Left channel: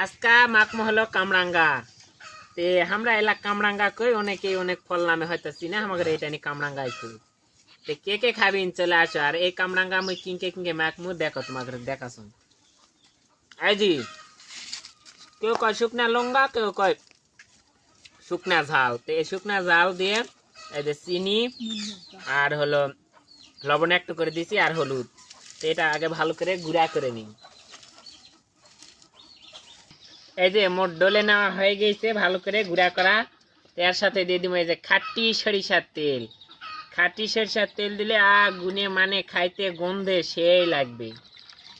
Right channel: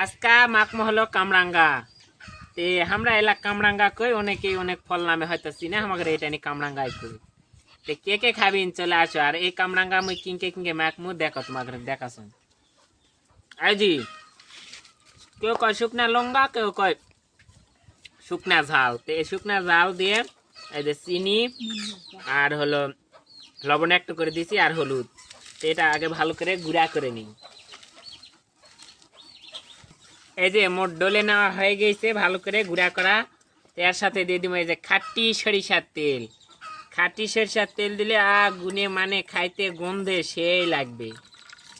আজকা মাকমা হলো কামরাঙ্গা তে আমরা এলা কামরাঙ্গা কই অনেকে অনেক ফল নামে হয়তো চিনে আমাদের এটা নি কামরাঙ্গাই কই তে কে কে খাবিন চলে আসো আর এই কামরাঙ্গা মুই কিংকে কিংকে মাকমু দেখো তোমাদের দেখাছুন এই জি কেউ কয় শুকনা লঙ্কা কেউ কয় শুকনা ঝাল তে এই শুকনা ঝাল দিয়ে এই যে চিনি আর হলো লবণ একটু করে দিছি আর হলুদ এটা আগে ভালো করে গুঁড়া করে নিই এই যে মোট ডলে নেওয়া হয়ে গেছে ভালো করে গুঁড়া করা এর সাথে দিয়ে দিব এই যে খাঁটি সরিষার তেল খাঁটি সরিষার তেল দিলে গুনে মানে খাইতে গন্ধে সেই লাগবে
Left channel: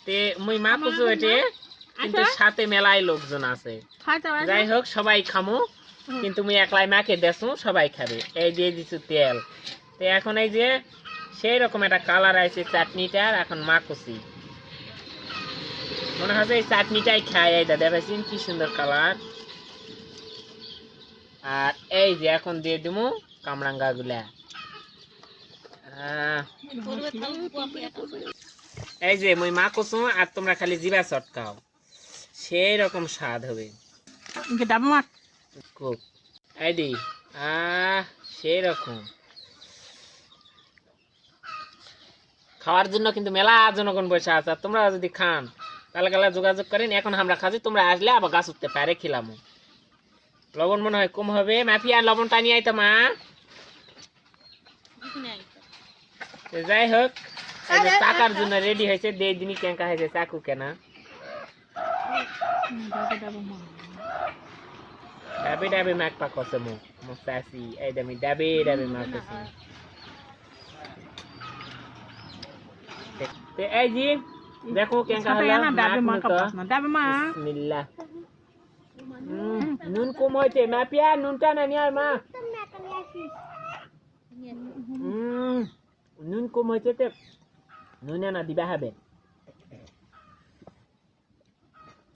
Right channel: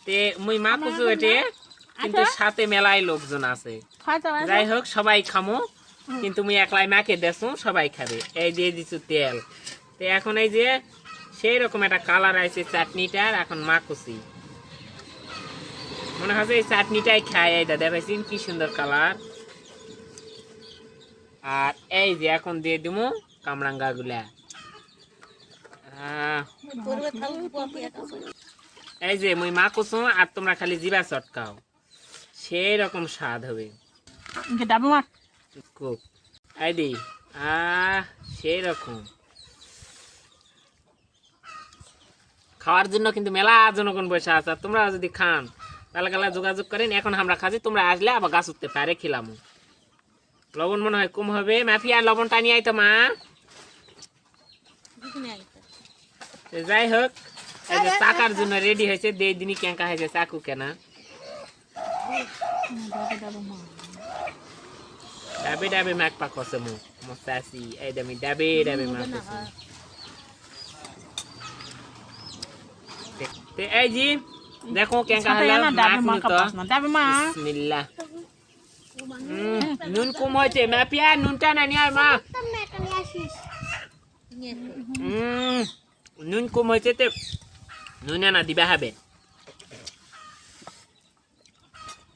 তে মুই মাখুছো এটে কিন্তু সাথে মেলাই লোকজন আছে যাই হোক সবাই খামো কিন্তু মুই একলাই মাকে দেছো সবাই খাবে এই যে দিছু তেল তো এখন এই যে সেই রকম একটা কালার আছে চাটনিটার এখন মাখুছি মনে হয় এই চাটনিটাই খাই এই দাদা দেখেছেন কি সুন্দর কালার আর এই যে এখন দিয়ে দিমু কামরাঙ্গা গুলা এই যে মুই মাখুছো আর তোমরা খালি জিবা চটকাও সেই রকম স্বাদ হবে এই দি সেই রকম খাওয়ার জন্য কিন্তু মেলা জনগণ বসে আছে তোমরা যদি খান তাহলে গেলে যোগাযোগ করেন এখন আমরা খাচ্ছি তোমরা আসলে আবার গাছ উঠতে পারে খেলাম লবণ মনে হয় কম হবে মাফিয়া লবণটা নিয়ে আইতো মা যাই হোক চাকার জন্য রেডি হয়েছে দেড় দিনই কেঙ্কা হয়েছে চাকু কেনা ডাবে ডাবে মাক পাকছে মুখ মস্তাসি এই দামি ডাবে ডাবে মাক এই জি দেখো কেঙ্কা বিসমিল্লাহ নুন কম হয়েছে মাপিয়া নুনটা না নিয়ে মা নুন কম হয়েছে তো নুন না দিবা হবে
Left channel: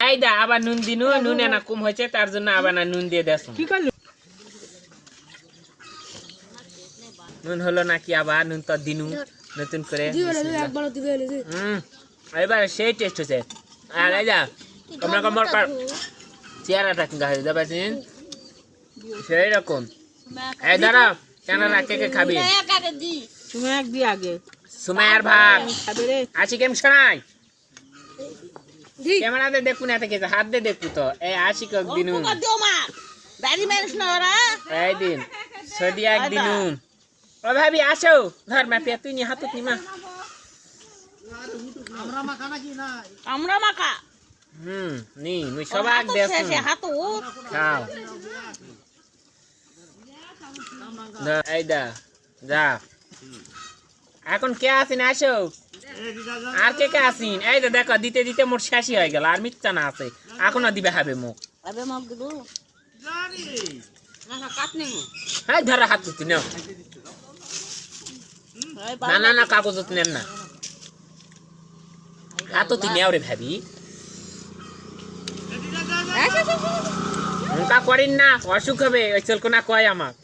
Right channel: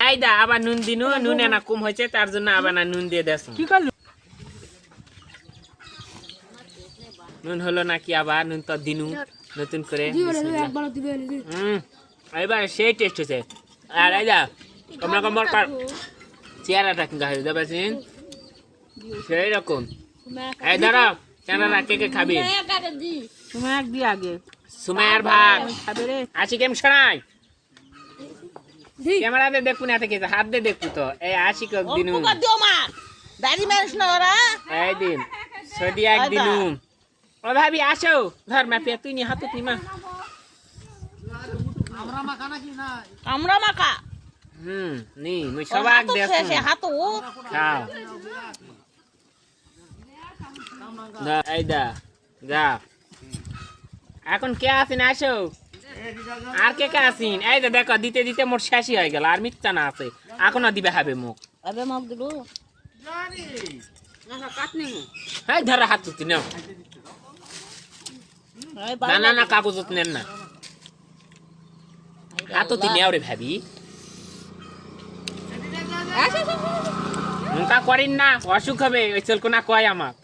এই দা আবার নুন দিনু নুন না কম হয়েছে তার জন্য আবার না নুন দিয়ে দেছ কি করলি নুন হলো নাকি আবার নুন তো দিনু নতুন করে এবার সেই টেস্ট হচ্ছে আর এই যা তোমরা কমর চেহারাটা কিন্তু হয়ে যাবে সেই রকম এই দাঁড়া কেনারা কে কে খাবি সুমায়ার ভাগ আসি কেম শোনাই ক্যামেরাতে দেখুন এত কিছু হাত দিয়ে দেখু তো এই আসি দিন এই দিন সদিয়া একদিন ও ভাবি আসো ধর মাপিয়া তুই নি হাতে তুই মা আমরা মাখা নি মুই সবাক দেখুন খাও এই দা যা এখন কে আসেন আসো আর কে কে আসিন এই তো দেখো দিতে দিতে মোট শেষই হয়ে গেল আর মিথ্যা না আছে এখনো দিবে হবে মুখ হ্যাঁ ধরা হাত তুই নাও না না না কাগজ নেন না হাত তুই নেও রে ভাবি তা করেন না অসুখ হবে ওই চলকো না কয় আমার